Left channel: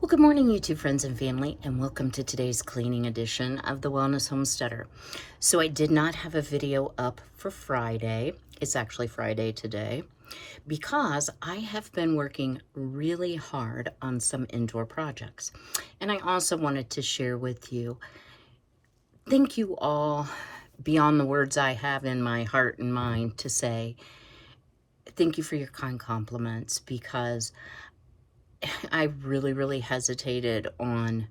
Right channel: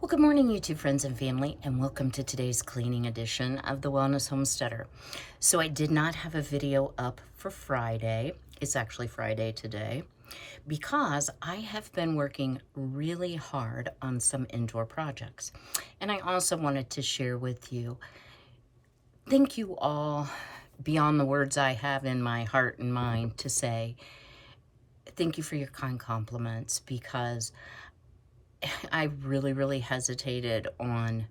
Well, good morning, YouTube friends and family, and welcome to today's cleaning edition of the Wellness Homesteader. So I did not have a video up for Friday. It's actually Friday today because I have been working really hard on some indoor projects. And I also wanted to share with you, thank you all beyond the words I have in my heart and mind to say, thank you for your kind compliments, because I really hesitated on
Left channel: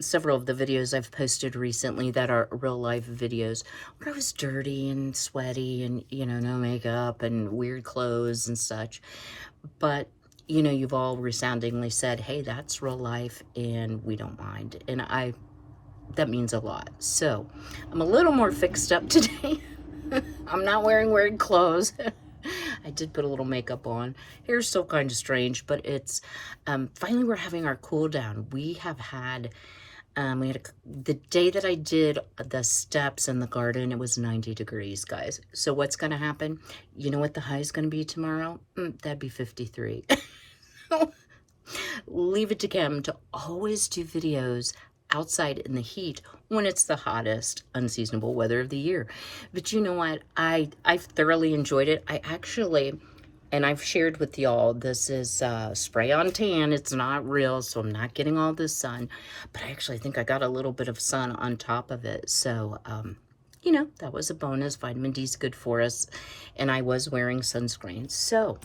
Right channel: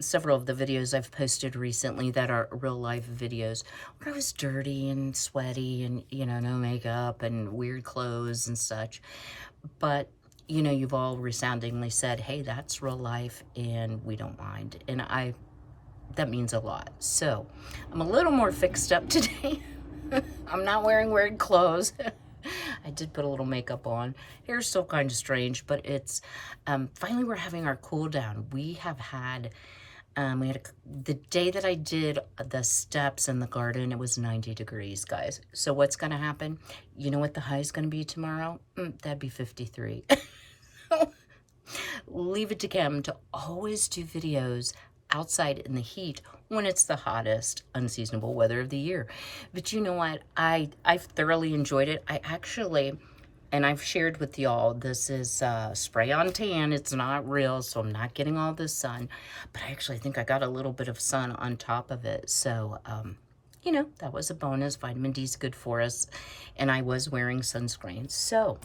several of the videos I've posted recently that are real life videos where I was dirty and sweaty and, no makeup and weird clothes and such. But, you've all resoundingly said, hey, that's real life and we don't mind. And that means a lot. So I'm a little more fixed up today. I'm not wearing weird clothes. I did put a little makeup on. Hair's still kind of strange, but it's finally we're having our cool down. We have had the day that I did the steps in the garden, it was 90 degrees, guys. So what's going to happen? You know what the high is going to be tomorrow? That'd be 53. Leave it to Kim to always do videos outside in the heat when it's the hottest unseasonable weather of the year. But you know what? I've thoroughly enjoyed it. I actually, and I've shared with y'all, this is spray on tan. It's not real, so I'm not getting all the sun. But I actually think I got a little bit of sun on top of it. So, that was a bonus. Vitamin D is good for us. And I was wearing sunscreen. So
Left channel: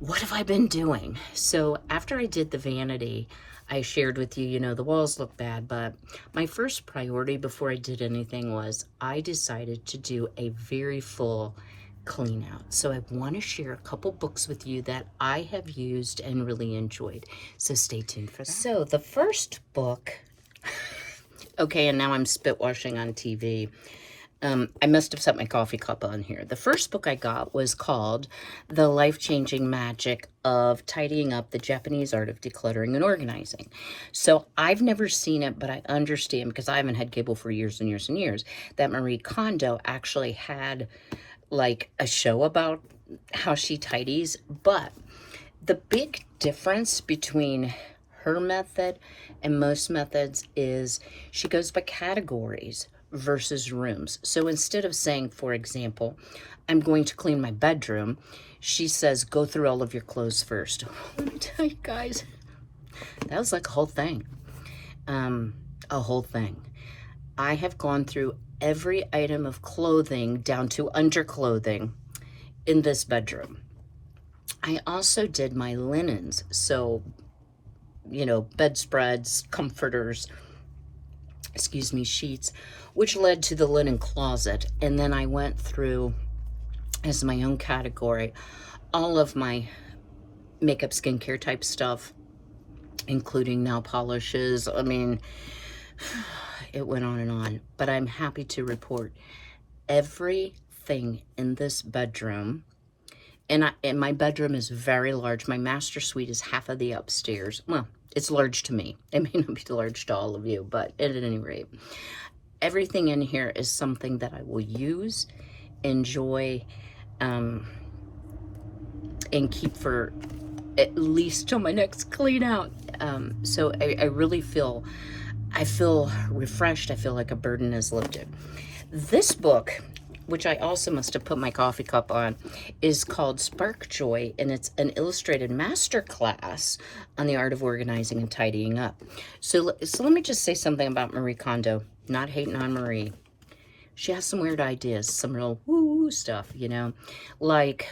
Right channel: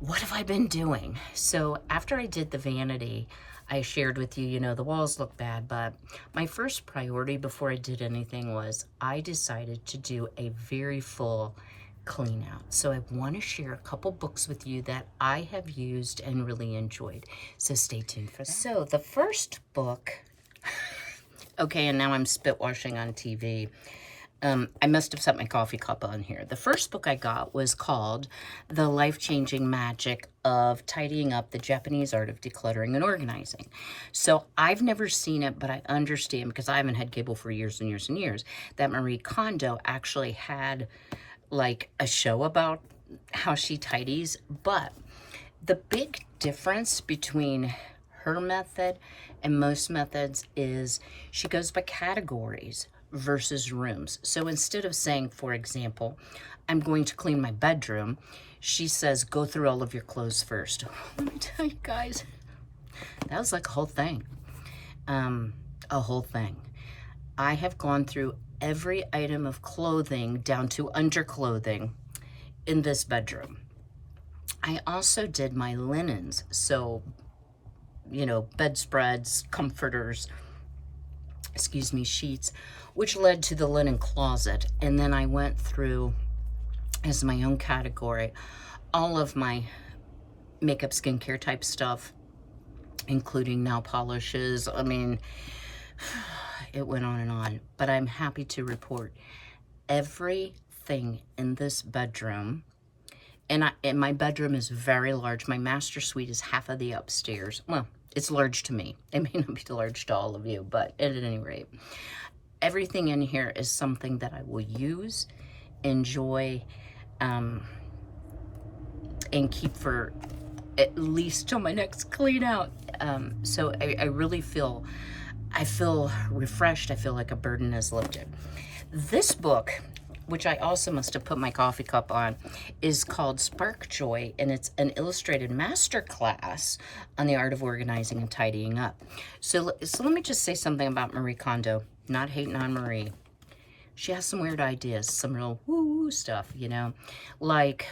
what have I been doing? So after I did the vanity, I shared with you, the walls look bad, but my first priority before I did anything was I decided to do a very full clean out. So I want to share a couple books with you that I have used and really enjoyed. So stay tuned for that. So the first book, okay, and now I'm spit washing on TV. I must have set my coffee cup on here. The first book I got was called The Life-Changing Magic of Tidying Up, the Japanese Art of Decluttering and Organizing. So I've never seen it, but I understand, because I haven't had cable for years and years and years, that Marie Kondo actually had like a show about how she tidies. But the big difference between her method and most methods is she goes by categories versus rooms. So instead of saying, for example, I'm going to clean my bedroom, she says, go through all of your clothes first. Let me tell you guys, that was like a whole thing. A whole thing. I have gone through every item of clothing down to underclothing in this bedroom. I also did my linens. So, bedspreads, comforters, sheets, which led to the linen closet. And then I went through, as my own category, all of my makeup, skincare type stuff, including nail polishes. I mean, it went on and on. But I'm happy to report everything in this bedroom. And my bedroom is very large. My master suite is half of the upstairs. Well, it's large to me. It may not be large to all of you, but at any rate, everything in here is something that I will use, enjoy, and keep for at least till my next clean out. So I really feel refreshed. I feel like a burden is lifted. This book, which I also must have put my coffee cup on, is called Spark Joy, and it's an illustrated masterclass on the art of organizing and tidying up. So let me just say something about Marie Kondo. Not hating on Marie. She has some weird ideas, some real woo stuff, like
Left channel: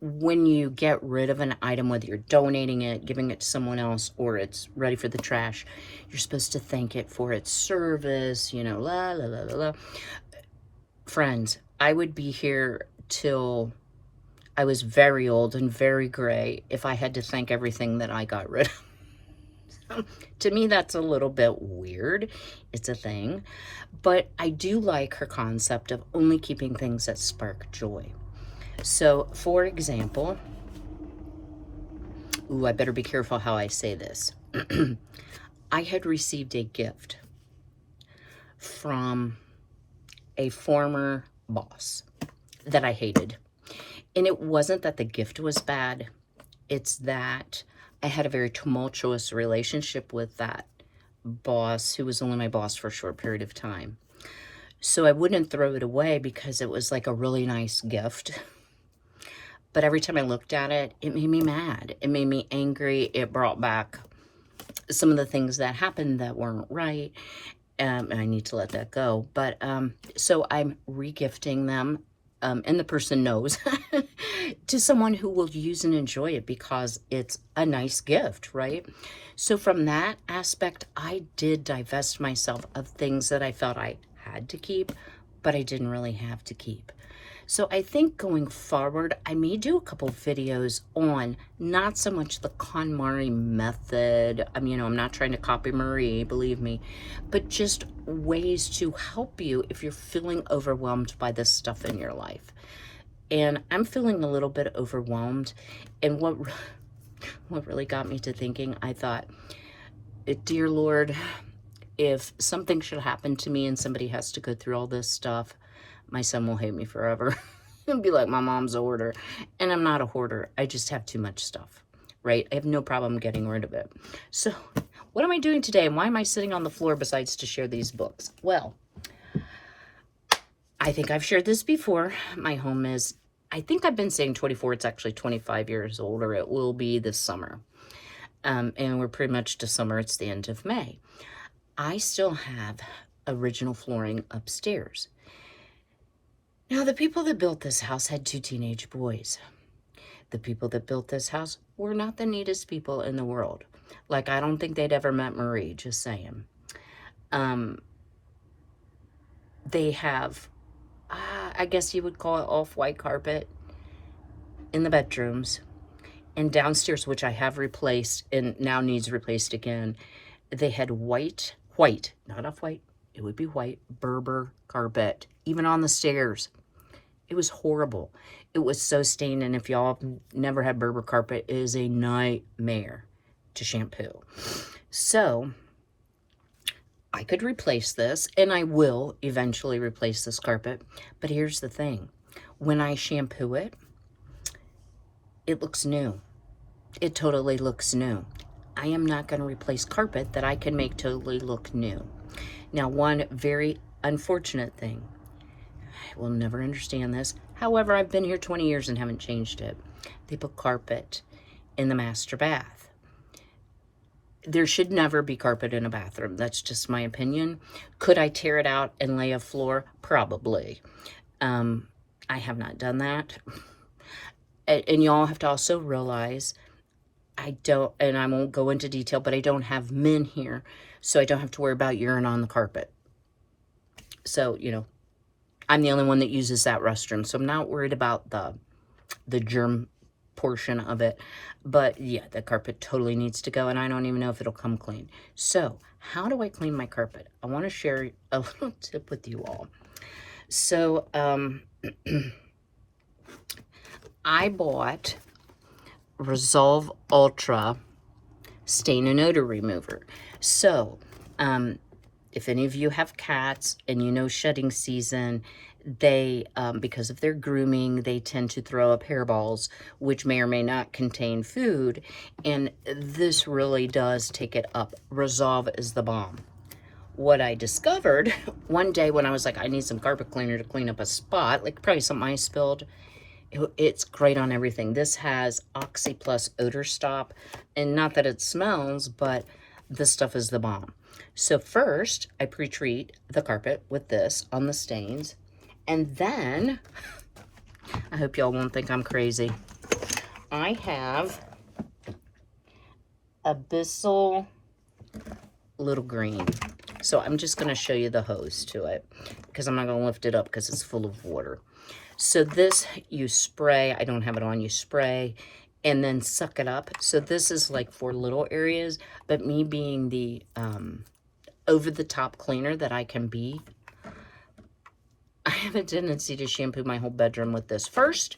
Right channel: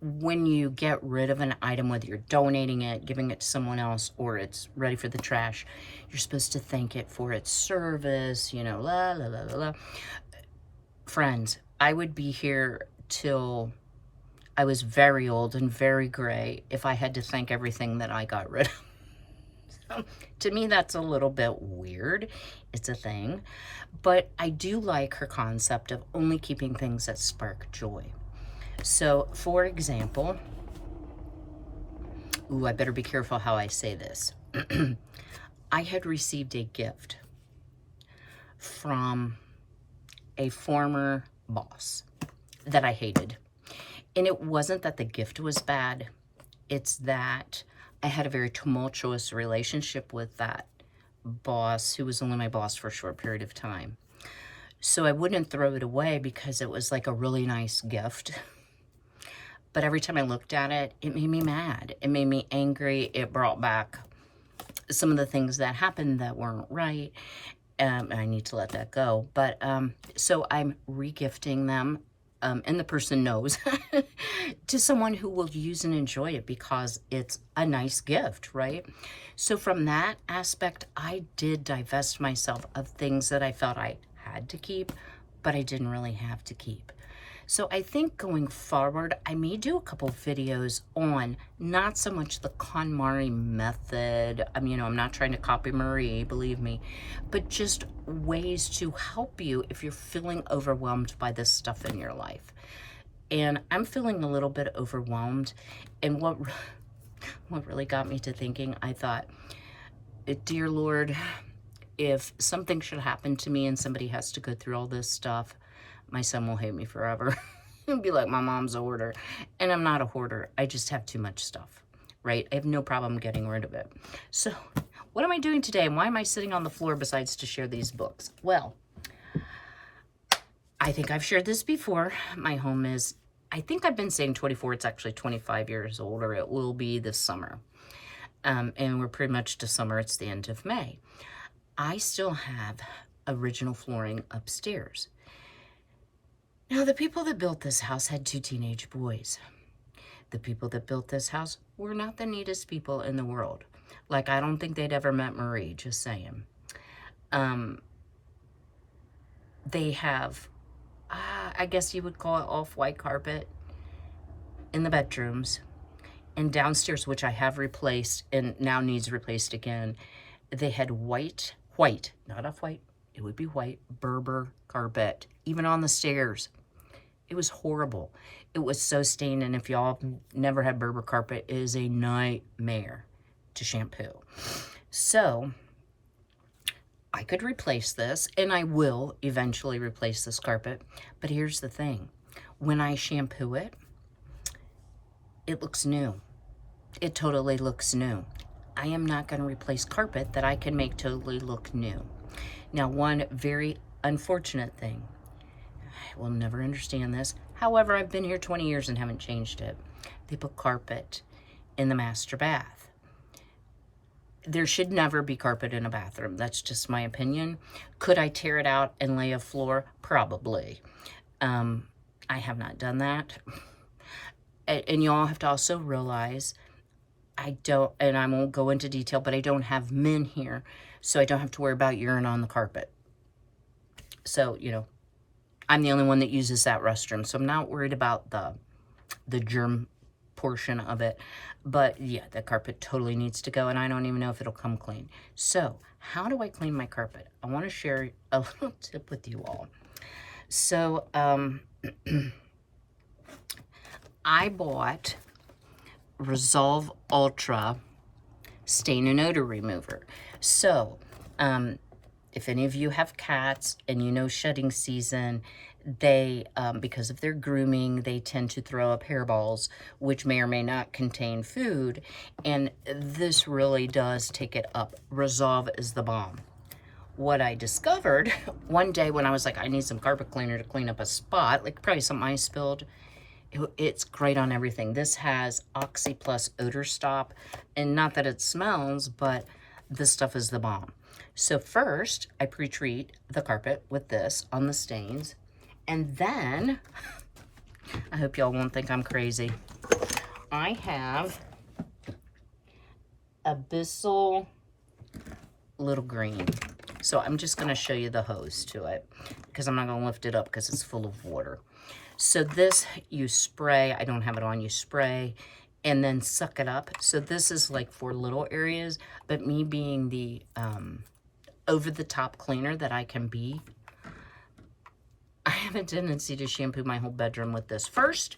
when you get rid of an item, whether you're donating it, giving it to someone else, or it's ready for the trash, you're supposed to thank it for its service, la, la, la, la, la. Friends, I would be here till I was very old and very gray if I had to thank everything that I got rid of. So, to me, that's a little bit weird. It's a thing. But I do like her concept of only keeping things that spark joy. So, for example, I better be careful how I say this. I had received a gift from a former boss that I hated. And it wasn't that the gift was bad. It's that I had a very tumultuous relationship with that boss, who was only my boss for a short period of time. So I wouldn't throw it away because it was like a really nice gift. But every time I looked at it, it made me mad. It made me angry. It brought back some of the things that happened that weren't right. And I need to let that go. But so I'm regifting them. And the person knows, to someone who will use and enjoy it because it's a nice gift, right? So from that aspect, I did divest myself of things that I felt I had to keep, but I didn't really have to keep. So I think going forward, I may do a couple videos on not so much the KonMari method. I'm not trying to copy Marie, believe me, but just ways to help you if you're feeling overwhelmed by this stuff in your life. And I'm feeling a little bit overwhelmed. And what really got me to thinking, I thought, dear Lord, if something should happen to me and somebody has to go through all this stuff, my son will hate me forever and be like, my mom's a hoarder. And I'm not a hoarder. I just have too much stuff, right? I have no problem getting rid of it. So what am I doing today? And why am I sitting on the floor besides to share these books? Well, I think I've shared this before. My home is, I think I've been saying 24. It's actually 25 years old, or it will be this summer. And we're pretty much to summer. It's the end of May. I still have original flooring upstairs. Now, the people that built this house had 2 teenage boys. The people that built this house were not the neatest people in the world. Like, I don't think they'd ever met Marie, just saying. They have, I guess you would call it off-white carpet in the bedrooms. And downstairs, which I have replaced and now needs replaced again, they had white, not off-white, it would be white, Berber carpet, even on the stairs. It was horrible. It was so stained, and if y'all never had Berber carpet, it is a nightmare to shampoo. So I could replace this, and I will eventually replace this carpet. But here's the thing. When I shampoo it, it looks new. It totally looks new. I am not going to replace carpet that I can make totally look new. Now, one very unfortunate thing, I will never understand this. However, I've been here 20 years and haven't changed it. They put carpet in the master bath. There should never be carpet in a bathroom. That's just my opinion. Could I tear it out and lay a floor? Probably. I have not done that. And y'all have to also realize, I don't, and I won't go into detail, but I don't have men here, so I don't have to worry about urine on the carpet. So, I'm the only one that uses that restroom, so I'm not worried about the germ portion of it. But yeah, the carpet totally needs to go, and I don't even know if it'll come clean. So how do I clean my carpet? I want to share a little tip with you all. So I bought Resolve Ultra Stain and Odor Remover. So if any of you have cats and you know shedding season, they, because of their grooming, they tend to throw up hairballs, which may or may not contain food. And this really does take it up. Resolve is the bomb. What I discovered one day when I was like, I need some carpet cleaner to clean up a spot, like probably something I spilled. It's great on everything. This has Oxy Plus Odor Stop. And not that it smells, but this stuff is the bomb. So first, I pre-treat the carpet with this on the stains. And then, I hope y'all won't think I'm crazy, I have Abyssal Little Green. So I'm just going to show you the hose to it, because I'm not going to lift it up because it's full of water. So this, you spray, I don't have it on, you spray, and then suck it up. So this is like for little areas, but me being the over-the-top cleaner that I can be, I have a tendency to shampoo my whole bedroom with this first,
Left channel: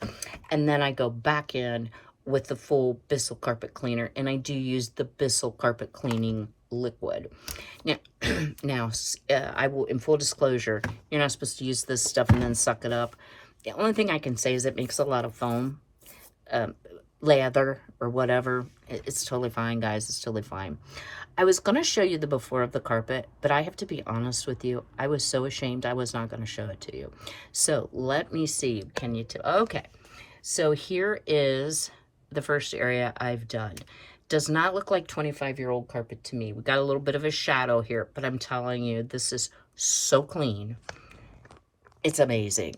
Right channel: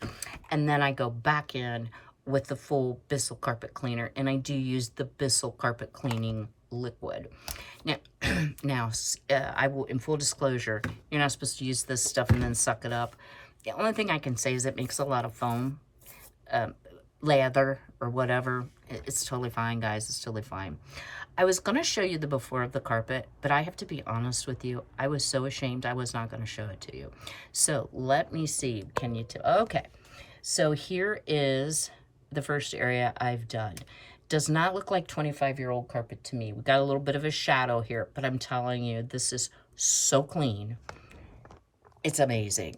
and then I go back in with the full Bissell carpet cleaner, and I do use the Bissell carpet cleaning liquid. Now, I will, in full disclosure, you're not supposed to use this stuff and then suck it up. The only thing I can say is it makes a lot of foam, lather, or whatever, it's totally fine, guys. It's totally fine. I was going to show you the before of the carpet, but I have to be honest with you. I was so ashamed I was not going to show it to you. So let me see. Can you tell? Okay. So here is the first area I've done. Does not look like 25-year-old carpet to me. We got a little bit of a shadow here, but I'm telling you, this is so clean. It's amazing.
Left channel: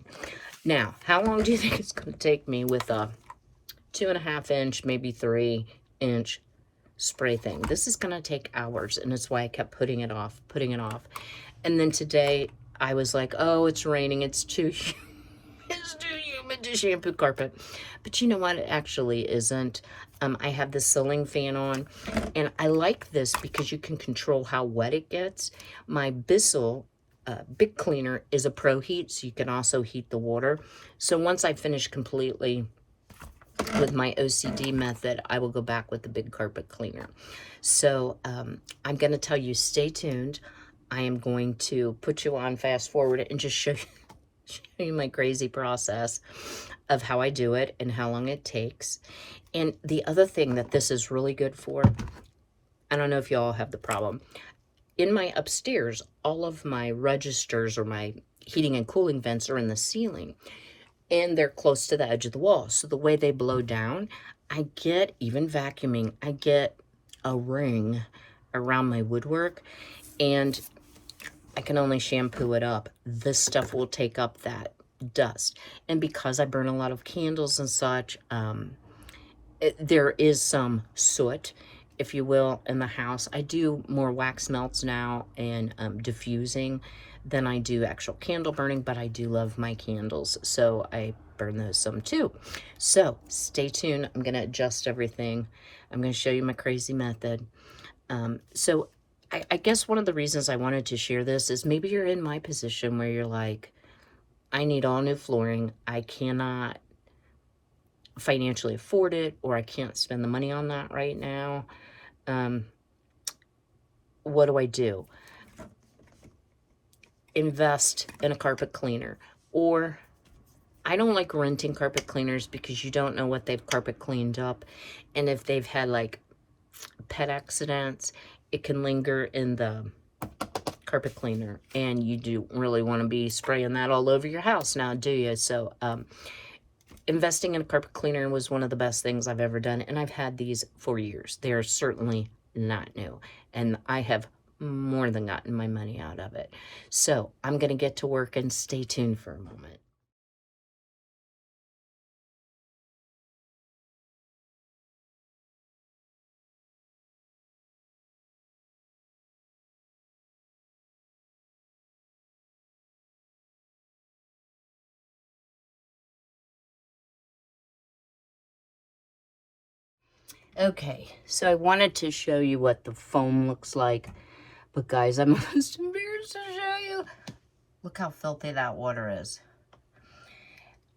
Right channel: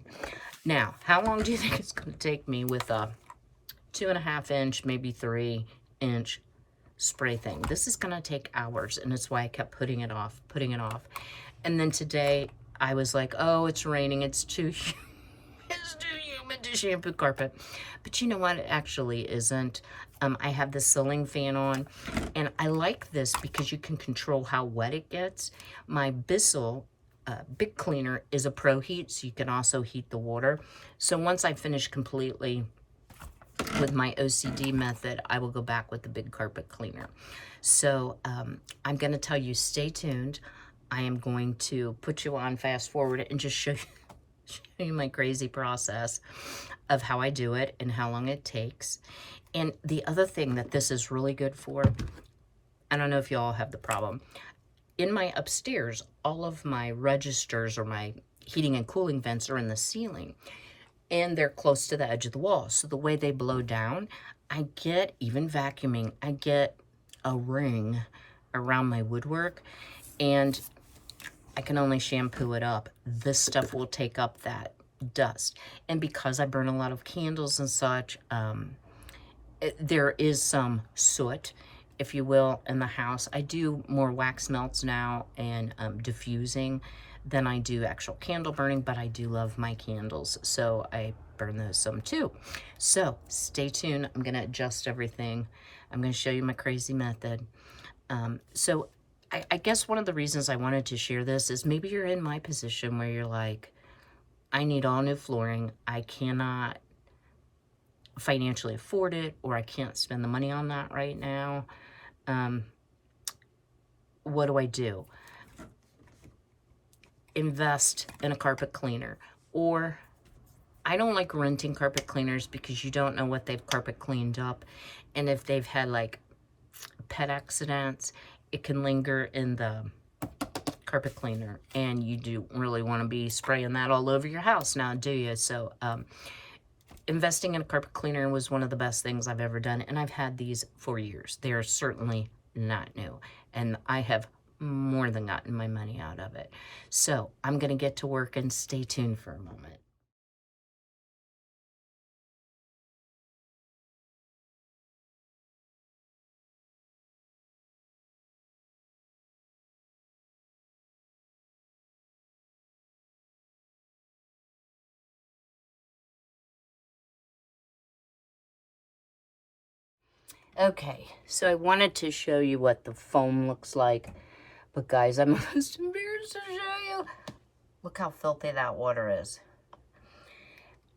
Now, how long do you think it's going to take me with a 2.5 inch, maybe 3 inch spray thing? This is going to take hours, and it's why I kept putting it off. And then today I was like, oh, it's raining. It's too humid to shampoo carpet. But you know what? It actually isn't. I have the ceiling fan on, and I like this because you can control how wet it gets. My Bissell big cleaner is a pro heat, so you can also heat the water. So once I finish completely with my OCD method, I will go back with the big carpet cleaner. So I'm going to tell you, stay tuned. I am going to put you on fast forward and just show you my crazy process of how I do it and how long it takes. And the other thing that this is really good for, I don't know if you all have the problem. In my upstairs, all of my registers or my heating and cooling vents are in the ceiling, and they're close to the edge of the wall. So the way they blow down, I get, even vacuuming, I get a ring around my woodwork, and I can only shampoo it up. This stuff will take up that dust. And because I burn a lot of candles and such, there is some soot, if you will, in the house. I do more wax melts now and diffusing than I do actual candle burning, but I do love my candles, so I burn those some too. So stay tuned. I'm going to adjust everything. I'm going to show you my crazy method. So I guess one of the reasons I wanted to share this is maybe you're in my position where you're like, I need all new flooring. I cannot financially afford it, or I can't spend the money on that right now. What do I do? Invest in a carpet cleaner. Or I don't like renting carpet cleaners because you don't know what they've carpet cleaned up. And if they've had like pet accidents, it can linger in the carpet cleaner, and you do really want to be spraying that all over your house now, do you? So investing in a carpet cleaner was one of the best things I've ever done, and I've had these for years. They are certainly not new, and I have more than gotten my money out of it. So I'm going to get to work, and stay tuned for a moment. Okay, so I wanted to show you what the foam looks like, but guys, I'm almost embarrassed to show you. Look how filthy that water is.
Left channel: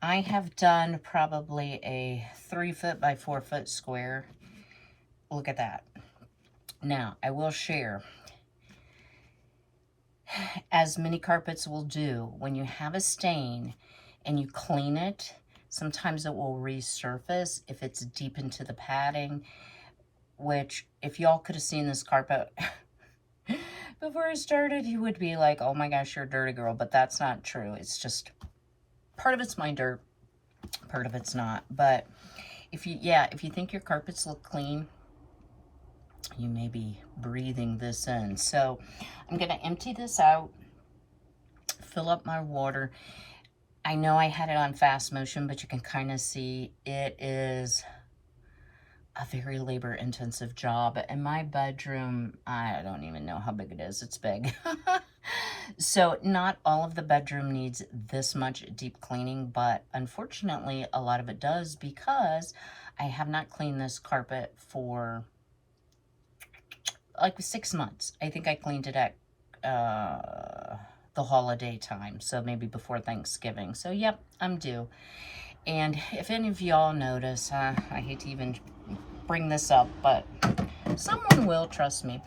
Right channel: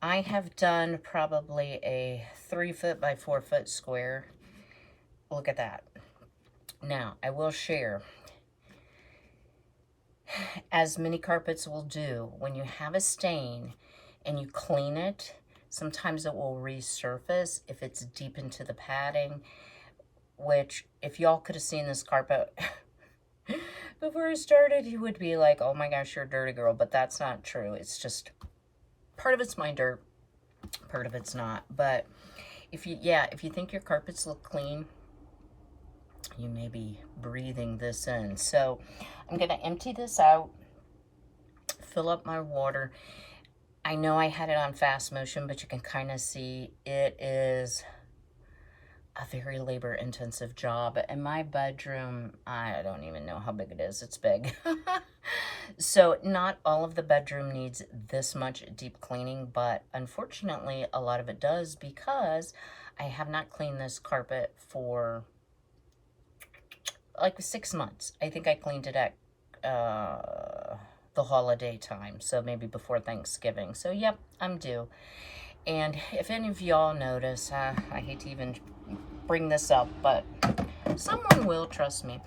I have done probably a 3 foot by 4 foot square. Look at that. Now, I will share, as many carpets will do, when you have a stain and you clean it, sometimes it will resurface if it's deep into the padding, which if y'all could have seen this carpet before I started, you would be like, oh my gosh, you're a dirty girl, but that's not true. It's just, part of it's my dirt, part of it's not. But if you think your carpets look clean, you may be breathing this in. So I'm going to empty this out, fill up my water. I know I had it on fast motion, but you can kind of see it is a very labor-intensive job. And my bedroom, I don't even know how big it is. It's big. So not all of the bedroom needs this much deep cleaning, but unfortunately a lot of it does, because I have not cleaned this carpet for like 6 months. I think I cleaned it at the holiday time, so maybe before Thanksgiving. So yep, I'm due. And if any of y'all notice, I hate to even bring this up, but someone will, trust me.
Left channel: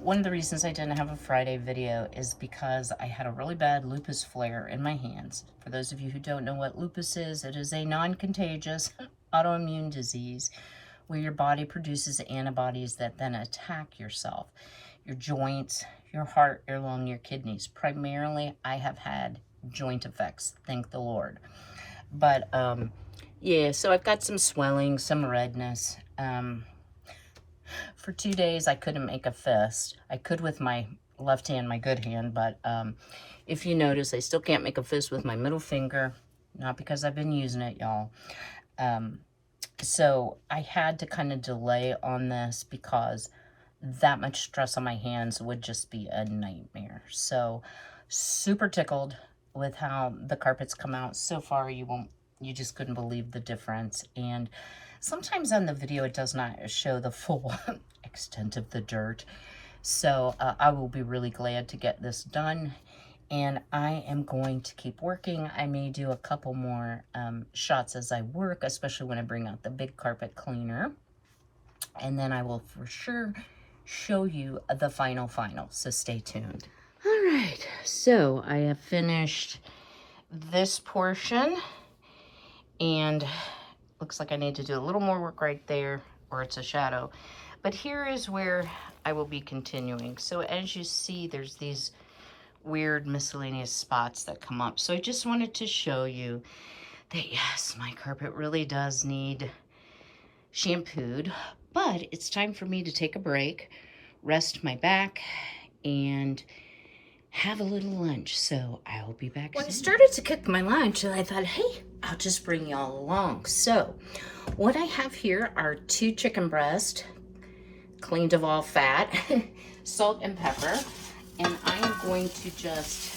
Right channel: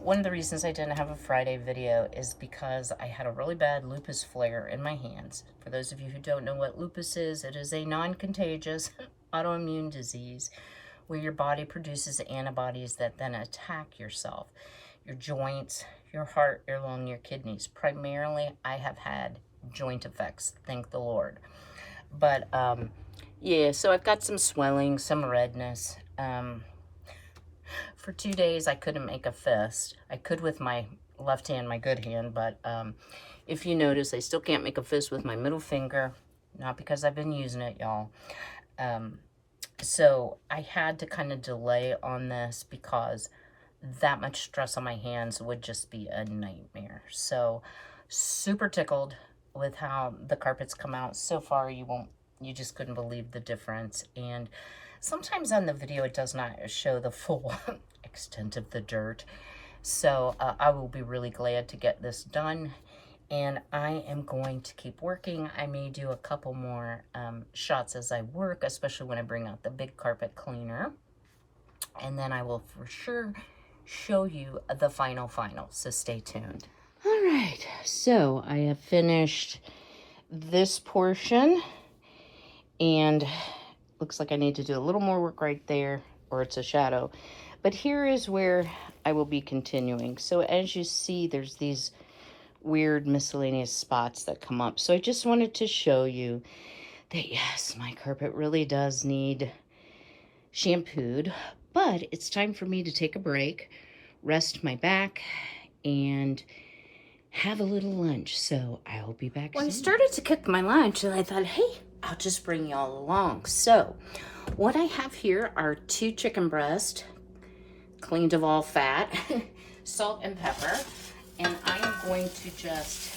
One of the reasons I didn't have a Friday video is because I had a really bad lupus flare in my hands. For those of you who don't know what lupus is, it is a non-contagious autoimmune disease where your body produces antibodies that then attack yourself, your joints, your heart, your lung, your kidneys. Primarily, I have had joint effects, thank the Lord. But yeah, so I've got some swelling, some redness. For 2 days, I couldn't make a fist. I could with my left hand, my good hand, but if you notice, I still can't make a fist with my middle finger. Not because I've been using it, y'all. So I had to kind of delay on this because that much stress on my hands would just be a nightmare. So super tickled with how the carpets come out. So far, you just couldn't believe the difference. And sometimes on the video, it does not show the full extent of the dirt. So I will be really glad to get this done. And I am going to keep working. I may do a couple more shots as I work, especially when I bring out the big carpet cleaner. And then I will for sure show you the final. So stay tuned. All right, so I have finished this portion. And looks like I need to do a little more work right there, or it's a shadow. But here is where I will be continuing. So as you see, there's these weird miscellaneous spots that come up. So I just wanted to show you that yes, my carpet really does need shampooed, but it's time for me to take a break, rest my back, and have a little lunch. So I'll be back soon. I started to cook my lunch and I thought, hey, I'll just bring y'all along. So what I have here are 2 chicken breasts, cleaned of all fat, salt and pepper. And I am going to just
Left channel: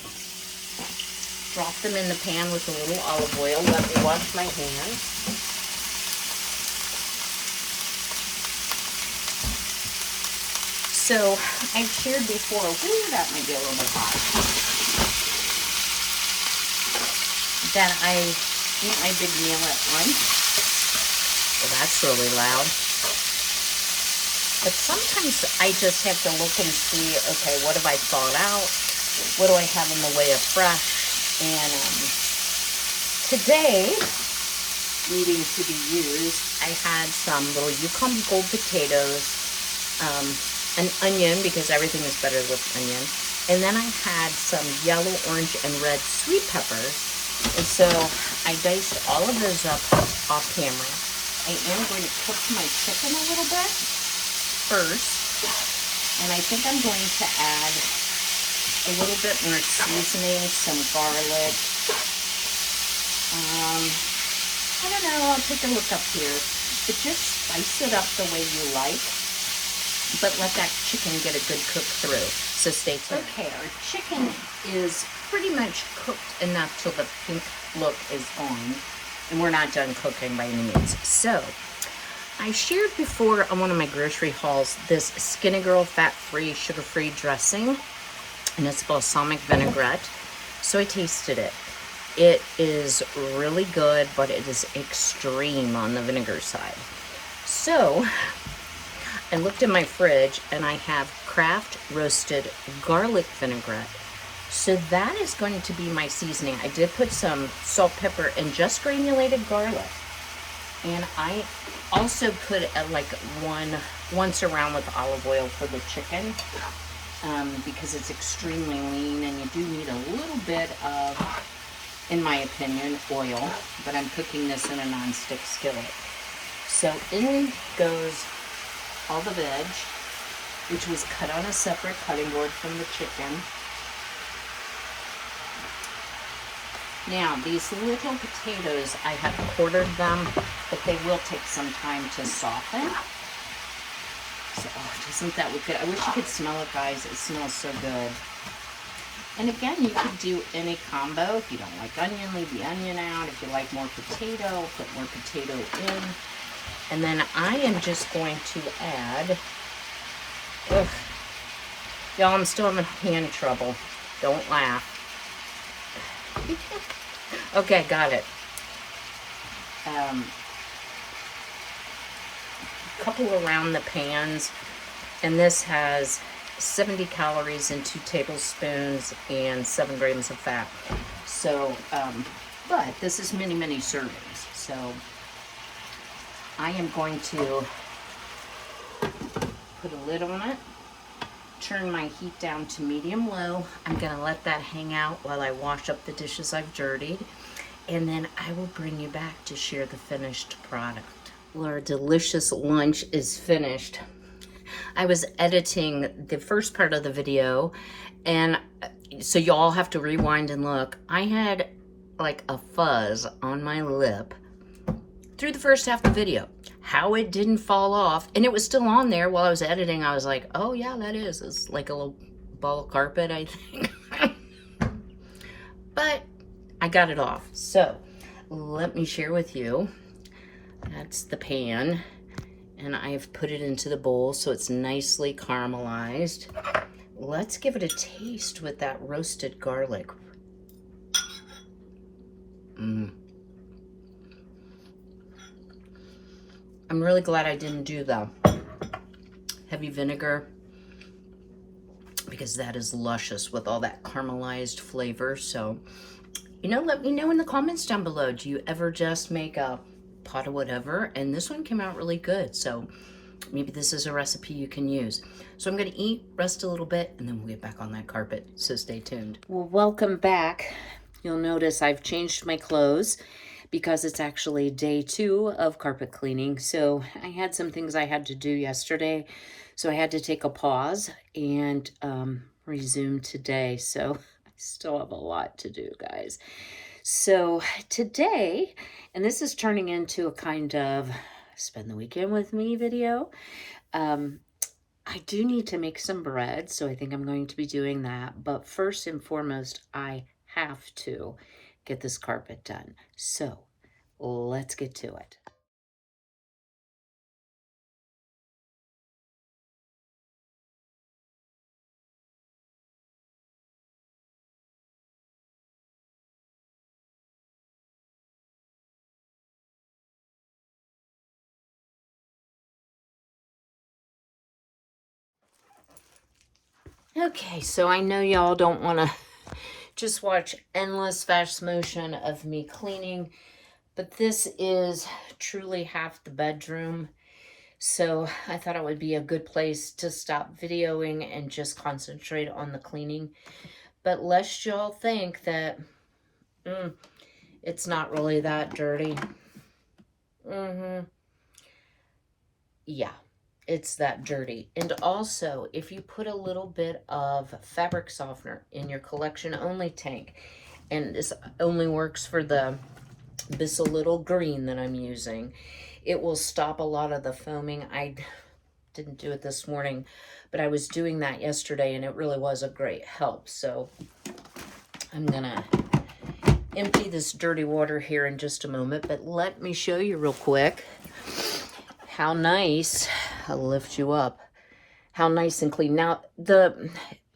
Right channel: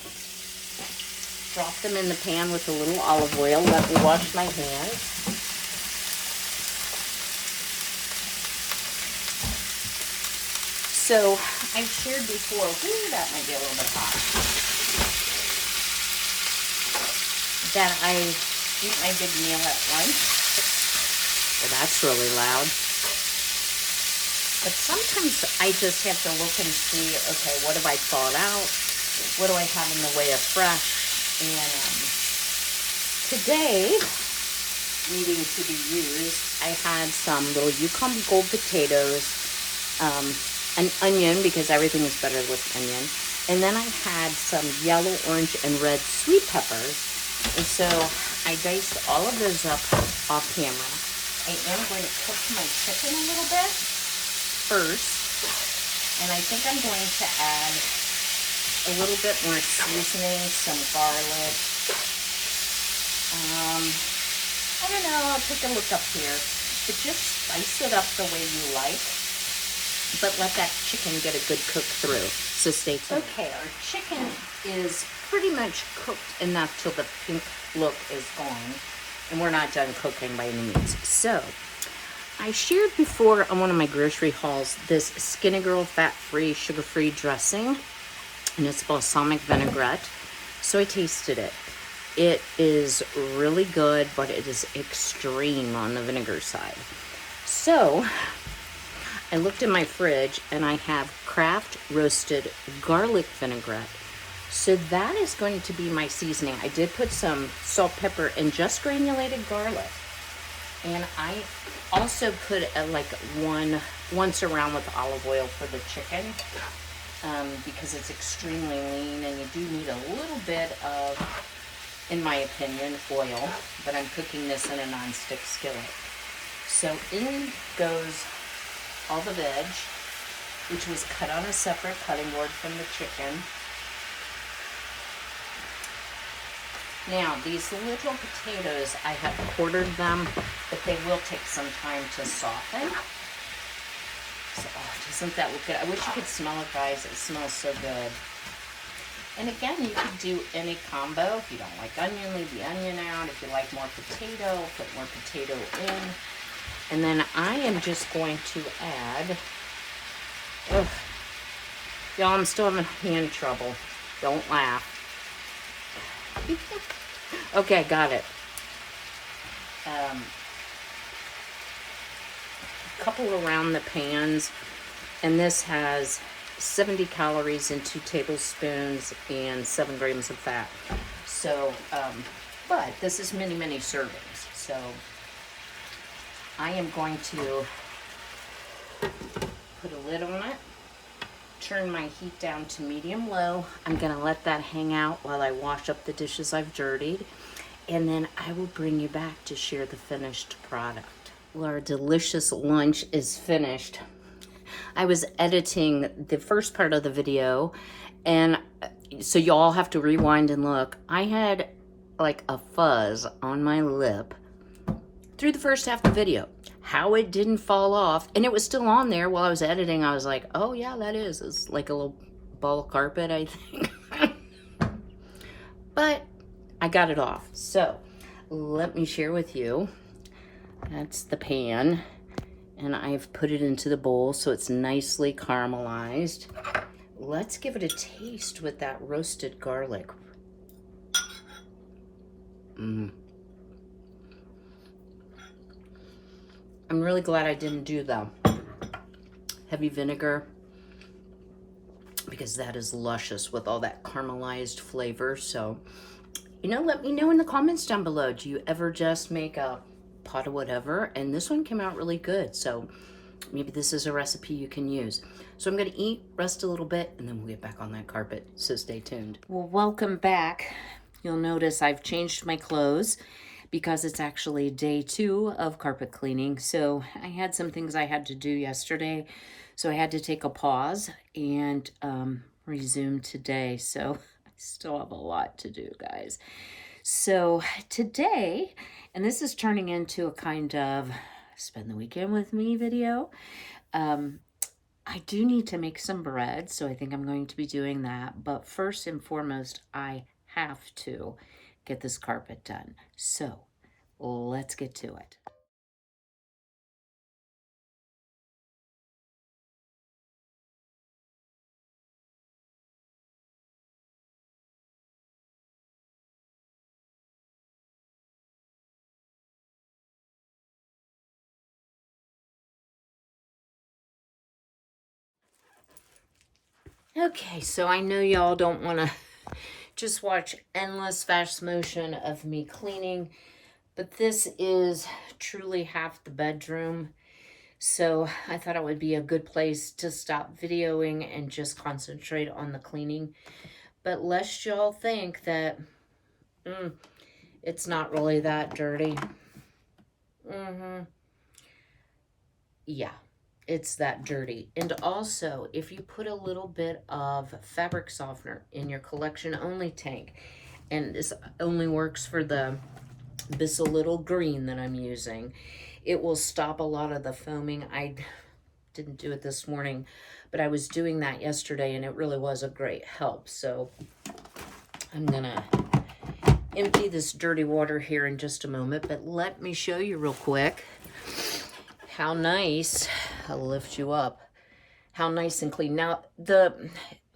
drop them in the pan with a little olive oil. Let me wash my hands. So I've shared before, that might be a little bit hot, that I eat my big meal at lunch. Well, that's really loud. But sometimes I just have to look and see, okay, what have I thought out? What do I have in the way of fresh? And today, needing to be used, I had some little Yukon Gold potatoes, an onion, because everything is better with onion. And then I had some yellow, orange, and red sweet peppers. And so I diced all of those up off camera. I am going to cook my chicken a little bit first, and I think I'm going to add a little bit more seasoning, some garlic. I don't know, I'll take a look up here, but just spice it up the way you like, but let that chicken get a good cook through. So stay tuned. Okay, our chicken is pretty much cooked enough till the pink look is gone, and we're not done cooking by any means. So I shared before on one of my grocery hauls this Skinny Girl fat-free, sugar-free dressing, and it's balsamic vinaigrette. So I tasted it. It is really good, but it is extreme on the vinegar side. So I looked in my fridge and I have Kraft roasted garlic vinaigrette. So that is going to be my seasoning. I did put some salt, pepper, and just granulated garlic. And I also put once around with olive oil for the chicken because it's extremely lean and you do need a little bit of, in my opinion, oil. But I'm cooking this in a non-stick skillet. So in goes all the veg, which was cut on a separate cutting board from the chicken. Now, these little potatoes, I have quartered them, but they will take some time to soften. So, oh, doesn't that look good? I wish you could smell it, guys. It smells so good. And again, you could do any combo. If you don't like onion, leave the onion out. If you like more potato, put more potato in. And then I am just going to add, y'all, I'm still having hand trouble. Don't laugh. Okay, got it. A couple around the pans, and this has 70 calories and 2 tablespoons and 7 grams of fat. So, but this is many servings. So I am going to put a lid on it, turn my heat down to medium low. I'm gonna let that hang out while I wash up the dishes I've dirtied, and then I will bring you back to share the finished product. Well, our delicious lunch is finished. I was editing the first part of the video, and so y'all have to rewind and look. I had like a fuzz on my lip through the first half of the video. How it didn't fall off, and it was still on there while I was editing. I was like, oh yeah, that is. It's like a little ball of carpet, I think. But I got it off. So let me share with you. That's the pan, and I've put it into the bowl so it's nicely caramelized. Let's give it a taste with that roasted garlic. I'm really glad I didn't do the heavy vinegar, because that is luscious with all that caramelized flavor. So, you know, let me know in the comments down below. Do you ever just make a pot of whatever? And this one came out really good. So maybe this is a recipe you can use. So I'm gonna eat, rest a little bit, and then we'll get back on that carpet. So stay tuned. Well, welcome back. You'll notice I've changed my clothes because it's actually day 2 of carpet cleaning. So I had some things I had to do yesterday. So I had to take a pause and resume today. So I still have a lot to do, guys. So today, and this is turning into a kind of spend the weekend with me video. I do need to make some bread, so I think I'm going to be doing that. But first and foremost, I have to get this carpet done. So let's get to it. Okay, so I know y'all don't want to just watch endless fast motion of me cleaning, but this is truly half the bedroom. So I thought it would be a good place to stop videoing and just concentrate on the cleaning. But lest y'all think that it's not really that dirty. Yeah, it's that dirty. And also, if you put a little bit of fabric softener in your collection only tank, and this only works for this little green that I'm using, it will stop a lot of the foaming. I didn't do it this morning, but I was doing that yesterday, and it really was a great help. So I'm gonna empty this dirty water here in just a moment, but let me show you real quick how nice. I'll lift you up. How nice and clean. Now,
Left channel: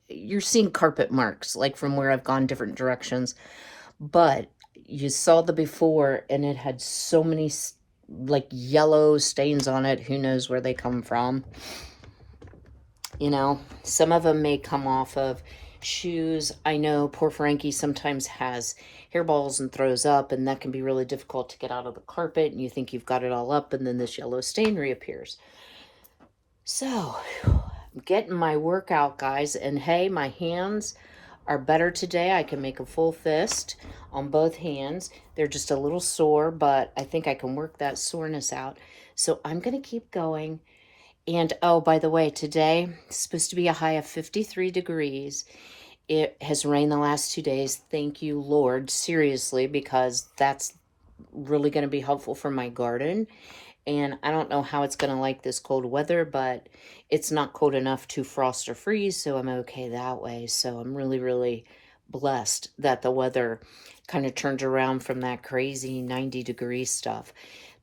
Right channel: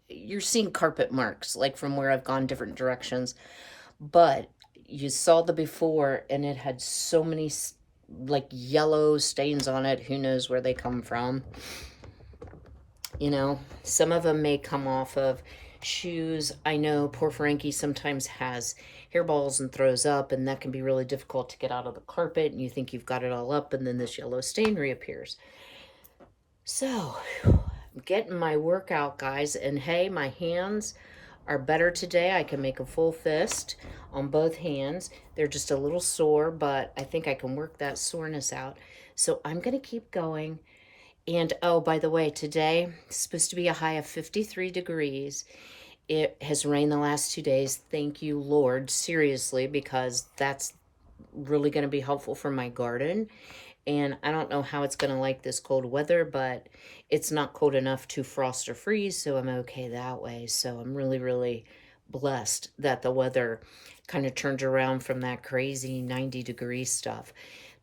you're seeing carpet marks, like from where I've gone different directions, but you saw the before, and it had so many like yellow stains on it. Who knows where they come from? You know, some of them may come off of shoes. I know poor Frankie sometimes has hairballs and throws up, and that can be really difficult to get out of the carpet, and you think you've got it all up, and then this yellow stain reappears. So I'm getting my workout, guys, and hey, my hands are better today. I can make a full fist on both hands. They're just a little sore, but I think I can work that soreness out. So I'm going to keep going. And oh, by the way, today is supposed to be a high of 53 degrees. It has rained the last 2 days. Thank you, Lord, seriously, because that's really going to be helpful for my garden. And I don't know how it's going to like this cold weather, but it's not cold enough to frost or freeze, so I'm okay that way. So I'm really, really blessed that the weather kind of turned around from that crazy 90-degree stuff.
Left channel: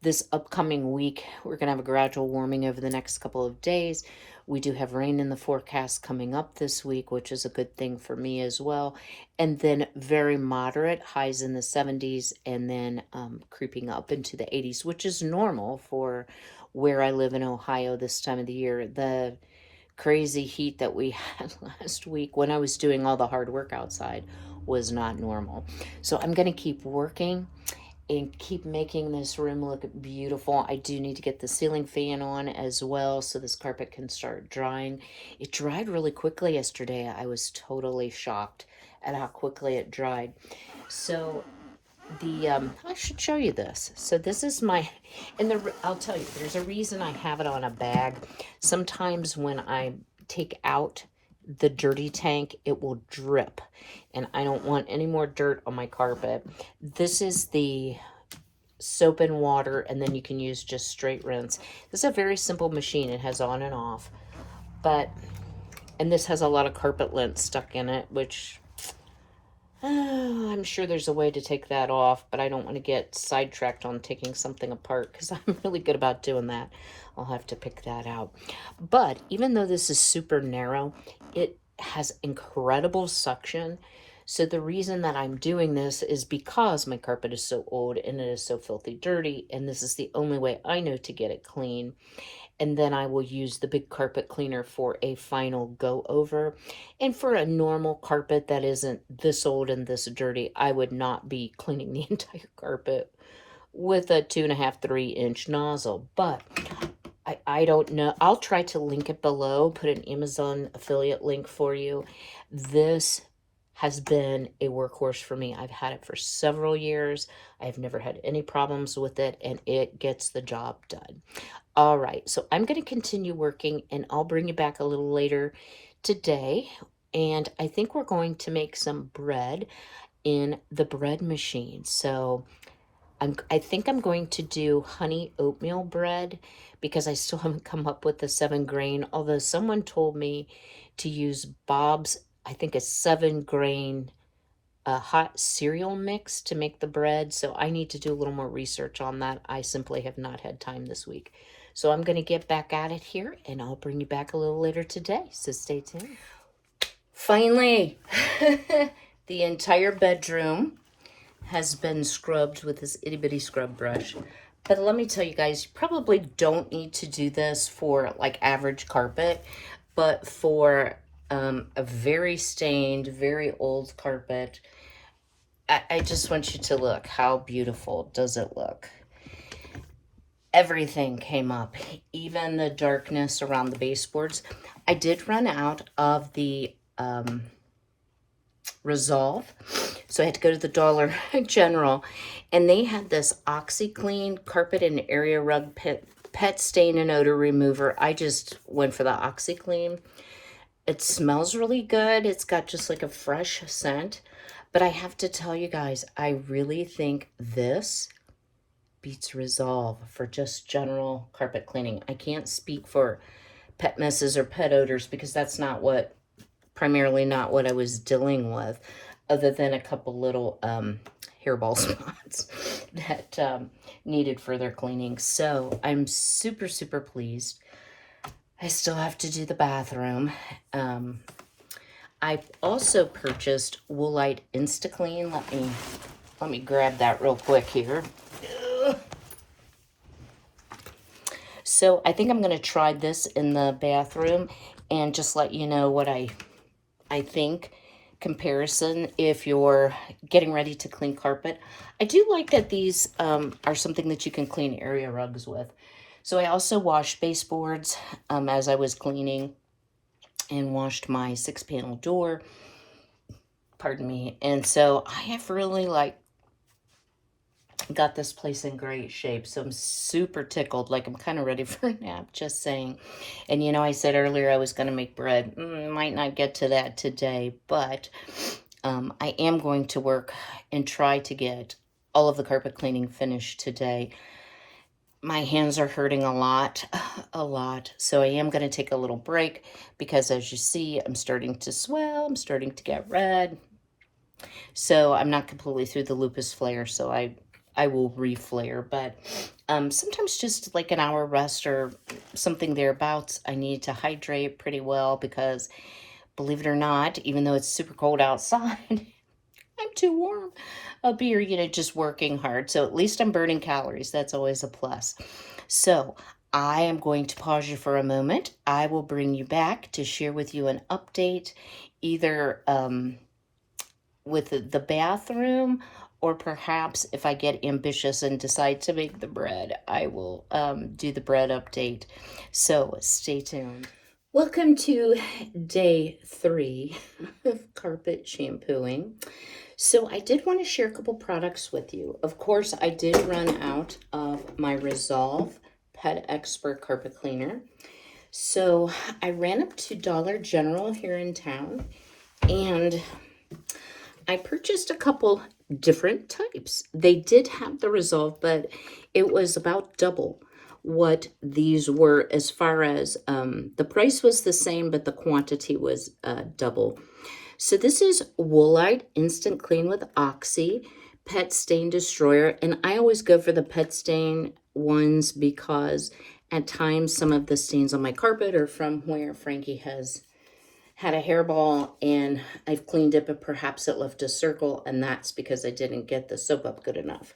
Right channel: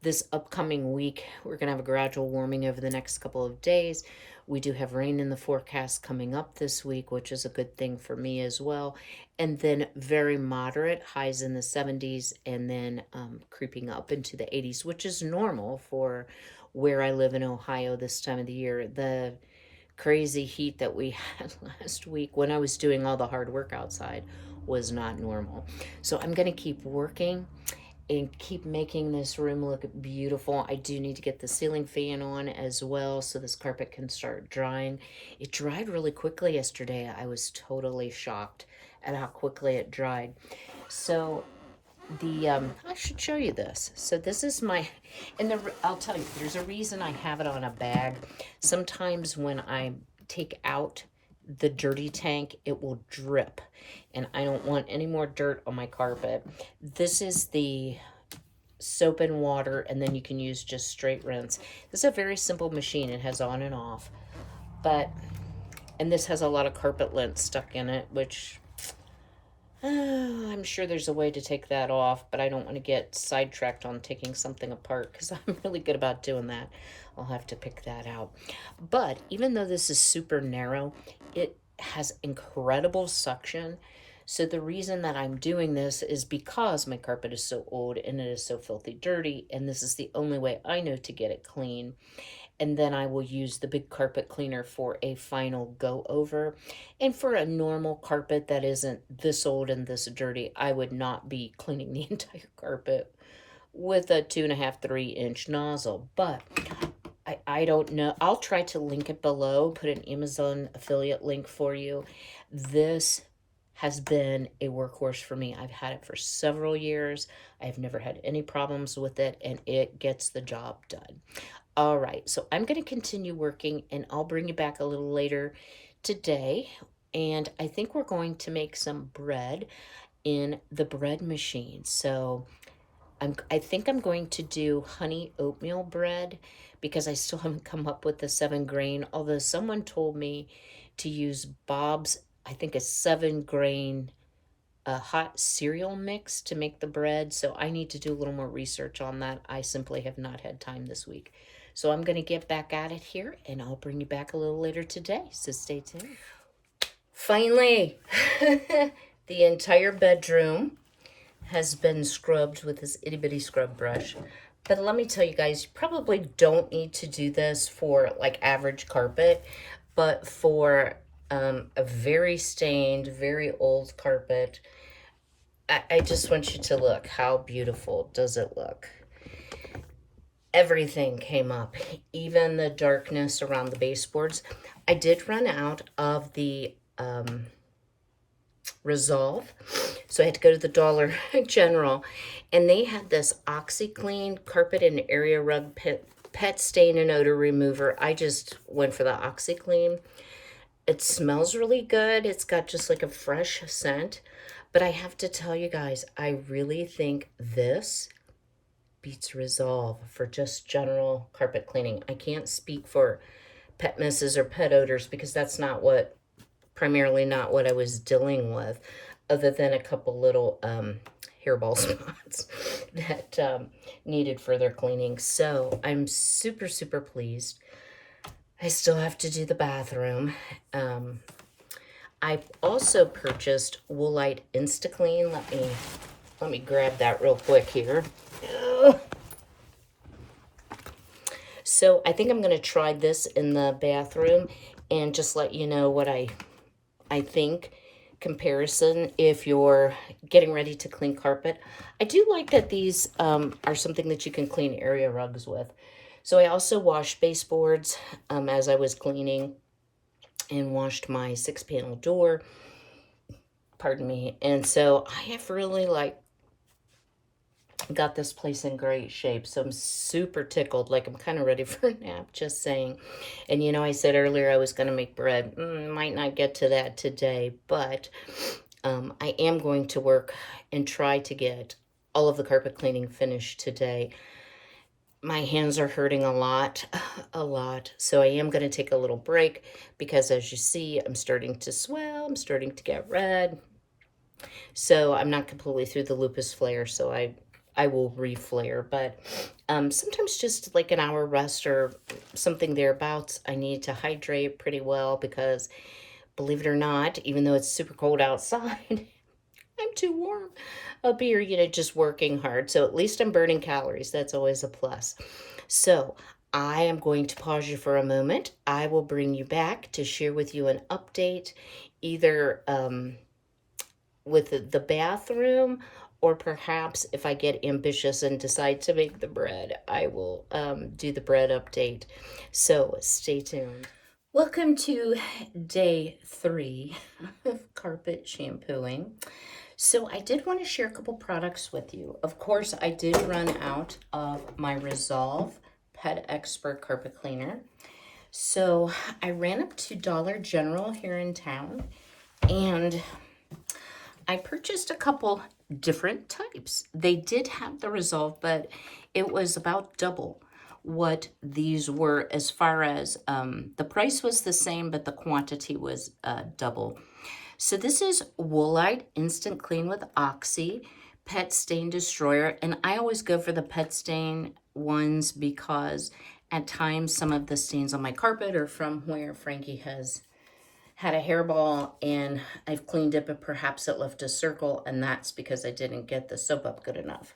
This upcoming week, we're going to have a gradual warming over the next couple of days. We do have rain in the forecast coming up this week, which is a good thing for me as well. And then very moderate highs in the 70s, and then creeping up into the 80s, which is normal for where I live in Ohio this time of the year. The crazy heat that we had last week when I was doing all the hard work outside was not normal. So I'm going to keep working, and keep making this room look beautiful. I do need to get the ceiling fan on as well so this carpet can start drying. It dried really quickly yesterday. I was totally shocked at how quickly it dried. So I should show you this. So this is my, and I'll tell you, there's a reason I have it on a bag. Sometimes when I take out the dirty tank, it will drip, and I don't want any more dirt on my carpet. This is the soap and water, and then you can use just straight rinse. This is a very simple machine. It has on and off, and this has a lot of carpet lint stuck in it, which I'm sure there's a way to take that off, but I don't want to get sidetracked on taking something apart because I'm really good about doing that. I'll have to pick that out. But even though this is super narrow, it has incredible suction. So the reason that I'm doing this is because my carpet is so old and it is so filthy dirty, and this is the only way I know to get it clean. And then I will use the big carpet cleaner for a final go over. And for a normal carpet that isn't this old and this dirty, I would not be cleaning the entire carpet with a 2.5, 3-inch nozzle. But I don't know. I'll try to link it below, put an Amazon affiliate link for you. This has been a workhorse for me. I've had it for several years. I've never had any problems with it, and it gets the job done. All right, so I'm going to continue working, and I'll bring you back a little later today. And I think we're going to make some bread in the bread machine. So I think I'm going to do honey oatmeal bread because I still haven't come up with the 7-grain, although someone told me to use Bob's, I think, a 7-grain hot cereal mix to make the bread. So I need to do a little more research on that. I simply have not had time this week. So I'm going to get back at it here, and I'll bring you back a little later today. So stay tuned. Finally, the entire bedroom has been scrubbed with this itty-bitty scrub brush. But let me tell you guys, you probably don't need to do this for like average carpet, but for a very stained, very old carpet, I just want you to look. How beautiful does it look? Everything came up, even the darkness around the baseboards. I did run out of the Resolve, so I had to go to the Dollar General, and they had this Oxiclean carpet and area rug pet stain and odor remover. I just went for the Oxiclean. It smells really good. It's got just like a fresh scent, but I have to tell you guys, I really think this beats Resolve for just general carpet cleaning. I can't speak for pet messes or pet odors because that's primarily not what I was dealing with, other than a couple little hairball spots that needed further cleaning. So I'm super, super pleased. I still have to do the bathroom. I also purchased Woolite Instaclean. Let me grab that real quick here. So I think I'm going to try this in the bathroom and just let you know what I think comparison if you're getting ready to clean carpet. I do like that these are something that you can clean area rugs with. So I also washed baseboards as I was cleaning, and washed my 6-panel door. Pardon me. And so I have really got this place in great shape. So I'm super tickled. Like I'm kind of ready for a nap, just saying. And you know, I said earlier I was going to make bread. Might not get to that today, but I am going to work and try to get all of the carpet cleaning finished today. My hands are hurting a lot. So I am going to take a little break because as you see, I'm starting to swell. I'm starting to get red. So I'm not completely through the lupus flare, so I will reflare, but sometimes just like an hour rest or something thereabouts. I need to hydrate pretty well because, believe it or not, even though it's super cold outside, I'm too warm up here, just working hard. So at least I'm burning calories. That's always a plus. So I am going to pause you for a moment. I will bring you back to share with you an update, either with the bathroom or perhaps if I get ambitious and decide to make the bread, I will do the bread update. So stay tuned. Welcome to day 3 of carpet shampooing. So I did want to share a couple products with you. Of course, I did run out of my Resolve Pet Expert Carpet Cleaner. So I ran up to Dollar General here in town and I purchased a couple different types. They did have the Resolve, but it was about double what these were as far as the price was the same, but the quantity was double. So this is Woolite Instant Clean with Oxy Pet Stain Destroyer. And I always go for the pet stain ones because at times some of the stains on my carpet are from where Frankie has had a hairball and I've cleaned it, but perhaps it left a circle, and that's because I didn't get the soap up good enough.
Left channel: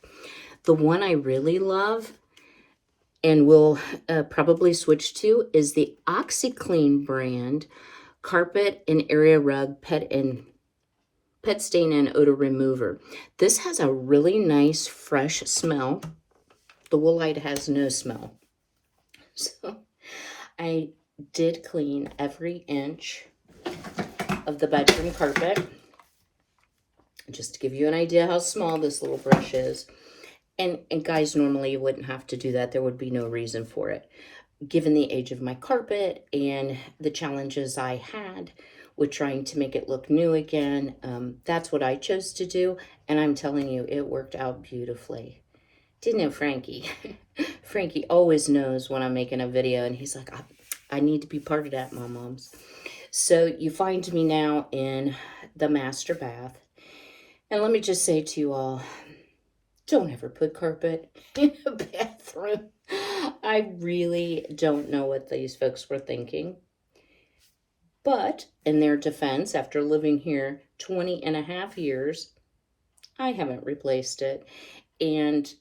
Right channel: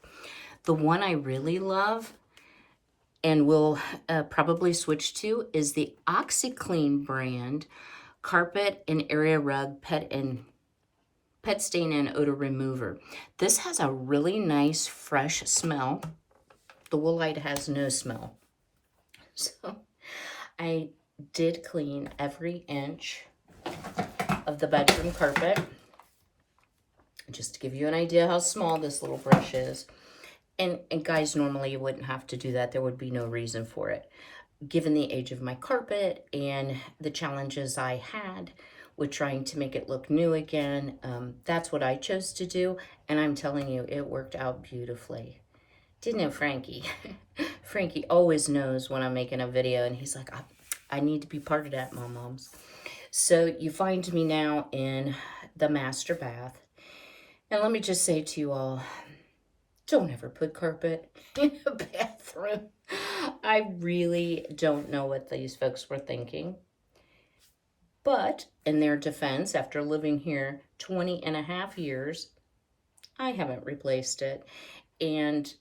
The one I really love and will probably switch to is the Oxiclean brand Carpet and Area Rug Pet Stain and Odor Remover. This has a really nice fresh smell. The Woolite has no smell. So I did clean every inch of the bedroom carpet, just to give you an idea how small this little brush is. And guys, normally you wouldn't have to do that. There would be no reason for it. Given the age of my carpet and the challenges I had with trying to make it look new again, that's what I chose to do. And I'm telling you, it worked out beautifully. Didn't it, Frankie? Frankie always knows when I'm making a video, and he's like, I need to be part of that, moms. So you find me now in the master bath. And let me just say to you all, don't ever put carpet in a bathroom. I really don't know what these folks were thinking. But in their defense, after living here 20 and a half years, I haven't replaced it. And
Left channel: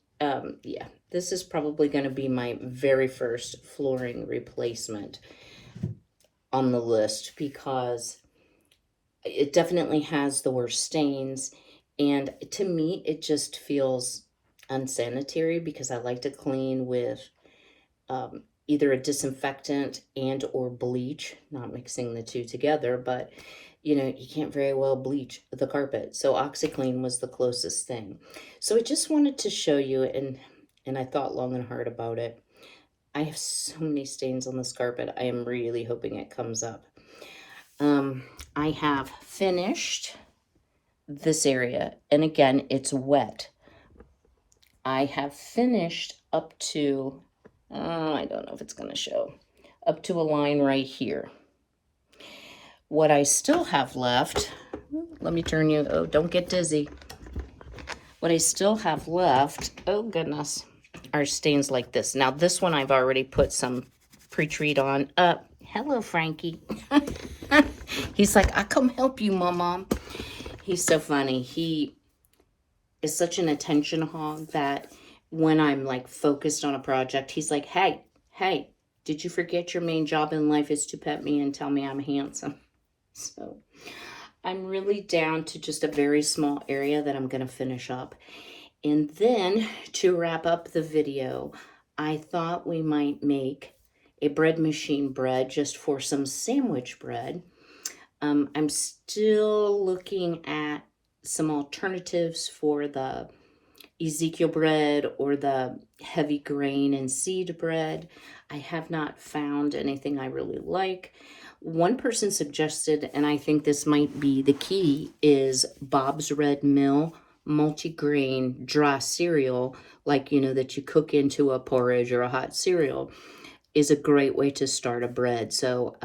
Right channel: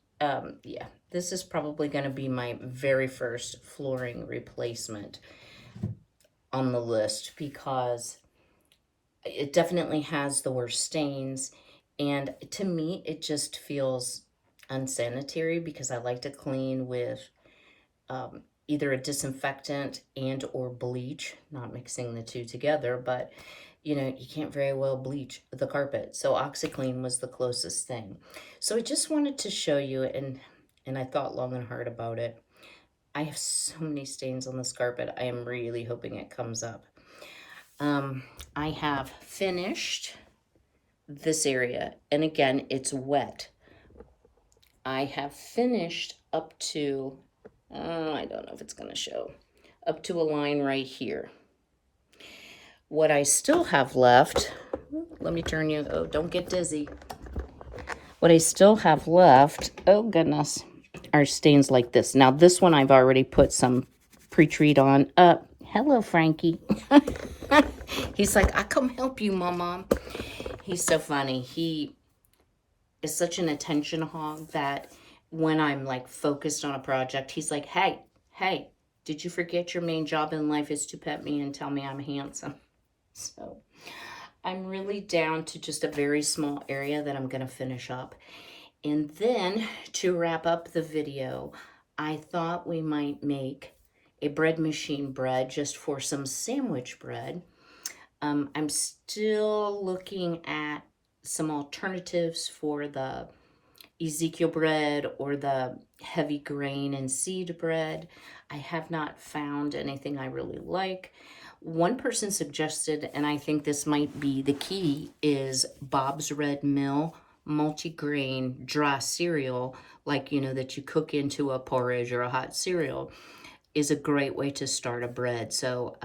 yeah, this is probably going to be my very first flooring replacement on the list because it definitely has the worst stains. And to me, it just feels unsanitary because I like to clean with either a disinfectant and or bleach, not mixing the two together, but you know, you can't very well bleach the carpet. So Oxiclean was the closest thing. So I just wanted to show you, and I thought long and hard about it. I have so many stains on this carpet. I am really hoping it comes up. I have finished this area, and again, it's wet. I have finished up to, I don't know if it's going to show, up to a line right here. What I still have left, let me turn you, oh, don't get dizzy. What I still have left, oh goodness, are stains like this. Now this one I've already put some pre-treat on. Hello, Frankie. He's like, I come help you, Mom. He's so funny. He is such an attention hog that when I'm like focused on a project, he's like, hey, did you forget your main job in life is to pet me and tell me I'm handsome? So I'm really down to just a very small area that I'm going to finish up. And then to wrap up the video, I thought we might make a bread machine bread just for some sandwich bread. I'm still looking at some alternatives for the Ezekiel bread or the heavy grain and seed bread. I have not found anything I really like. One person suggested, and I think this might be the key, is Bob's Red Mill multi-grain dry cereal, like, you know, that you cook into a porridge or a hot cereal, is a great way to start a bread. So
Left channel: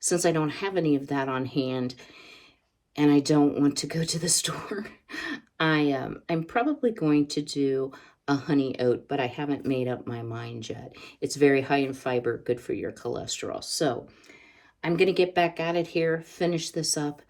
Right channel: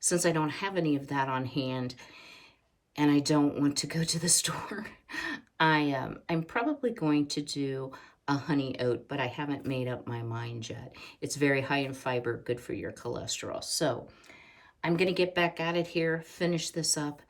since I don't have any of that on hand and I don't want to go to the store, I'm probably going to do a honey oat, but I haven't made up my mind yet. It's very high in fiber, good for your cholesterol. So I'm going to get back at it here, finish this up.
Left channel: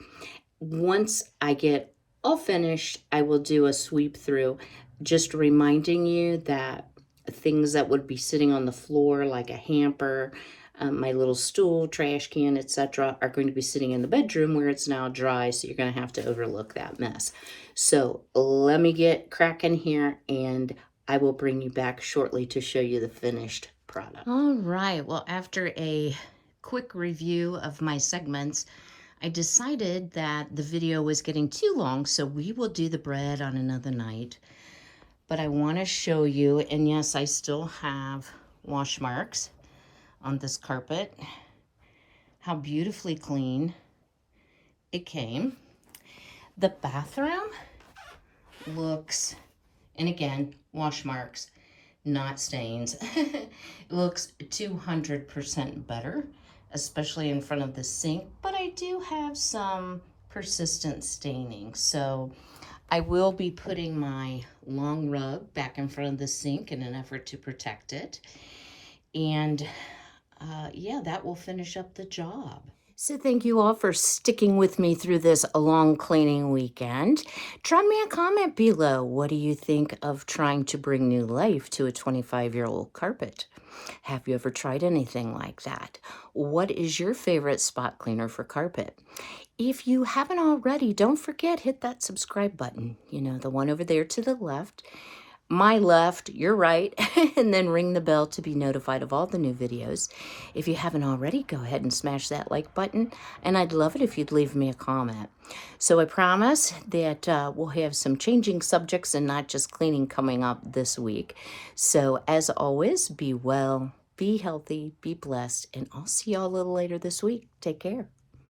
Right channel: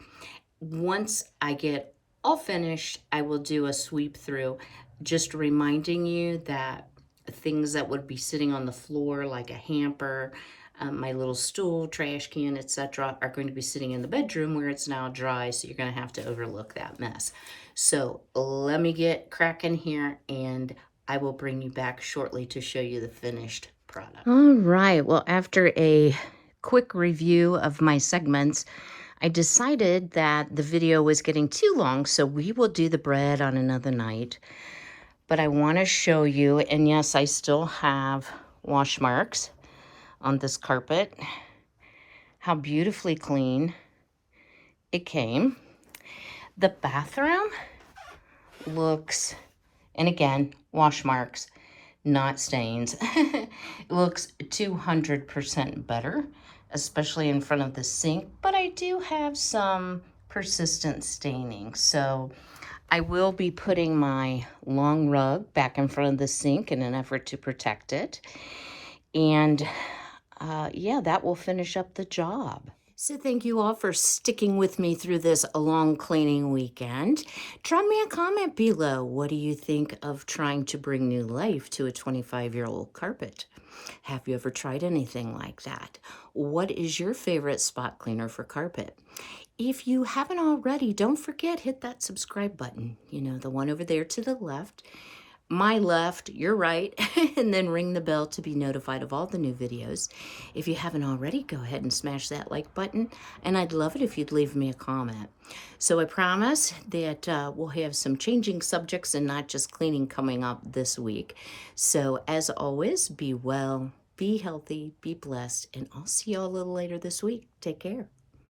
Once I get all finished, I will do a sweep through, just reminding you that things that would be sitting on the floor, like a hamper, My little stool, trash can, etc. are going to be sitting in the bedroom where it's now dry, so you're going to have to overlook that mess. So let me get cracking here, and I will bring you back shortly to show you the finished product. All right, well, after a quick review of my segments, I decided that the video was getting too long, so we will do the bread on another night. But I want to show you, and yes, I still have wash marks on this carpet, how beautifully clean it came. The bathroom looks, and again, wash marks, not stains. It looks 200% better, especially in front of the sink, but I do have some persistent staining. So I will be putting my long rug back in front of the sink in an effort to protect it. And yeah, that will finish up the job. So thank you all for sticking with me through this long cleaning weekend. Drop me a comment below. What do you think of trying to bring new life to a 25-year-old carpet? Have you ever tried anything like that? What is your favorite spot cleaner for carpet? If you haven't already, don't forget, hit that subscribe button. You know, the one over there to the left. My left, your right, and then ring the bell to be notified of all the new videos. If you haven't already, go ahead and smash that like button, and I'd love it if you'd leave me a comment. So I promise that we'll have some changing subjects and not just cleaning coming up this week. So as always, be well, be healthy, be blessed, and I'll see y'all a little later this week. Take care.